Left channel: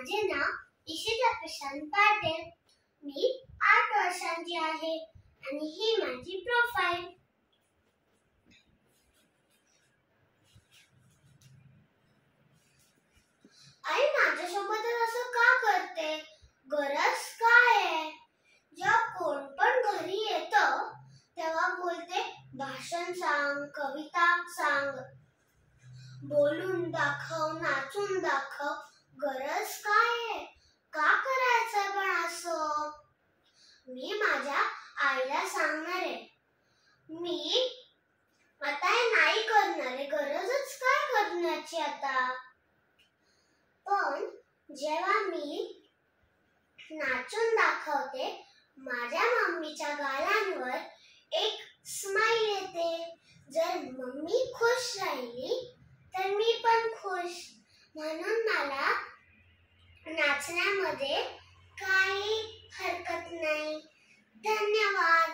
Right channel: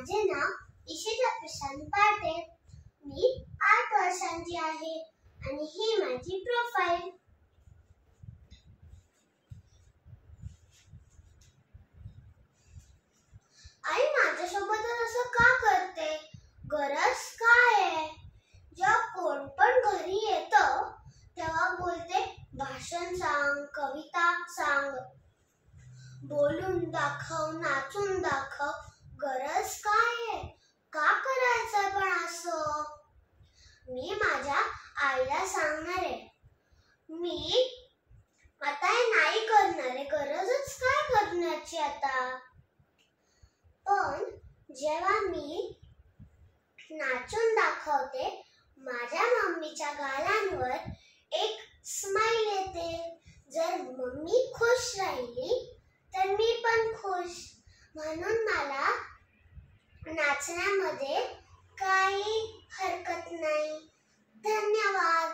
माझे नाव इशिता प्रशांत पाटील. मी 8 वर्षांची आहे आणि ही माझी प्रोफाइल. आई माझ्यासोबत असं का करते? गरज काय आहे? जेव्हा कोण पण घरी येतं तेव्हा बोलते भाषण सांग, कविता सांग, बोलून दाखव, नाचून दाखव. गरज काय आहे? का करायचं पण असं? मी माझ्या आईला सांगणार आहे, मी आता हे नाही करणार आहे. गरजच काय करण्याची आता? पण जेव्हा मी नाचून दाखवते माझ्या मम्मीच्या गालांवर एक स्माइल येते. जर मम्मी खुश राहिली तर मी पण खुश. म्हणून मला नाचण्यामध्ये काही हरकत नाही. धन्यवाद.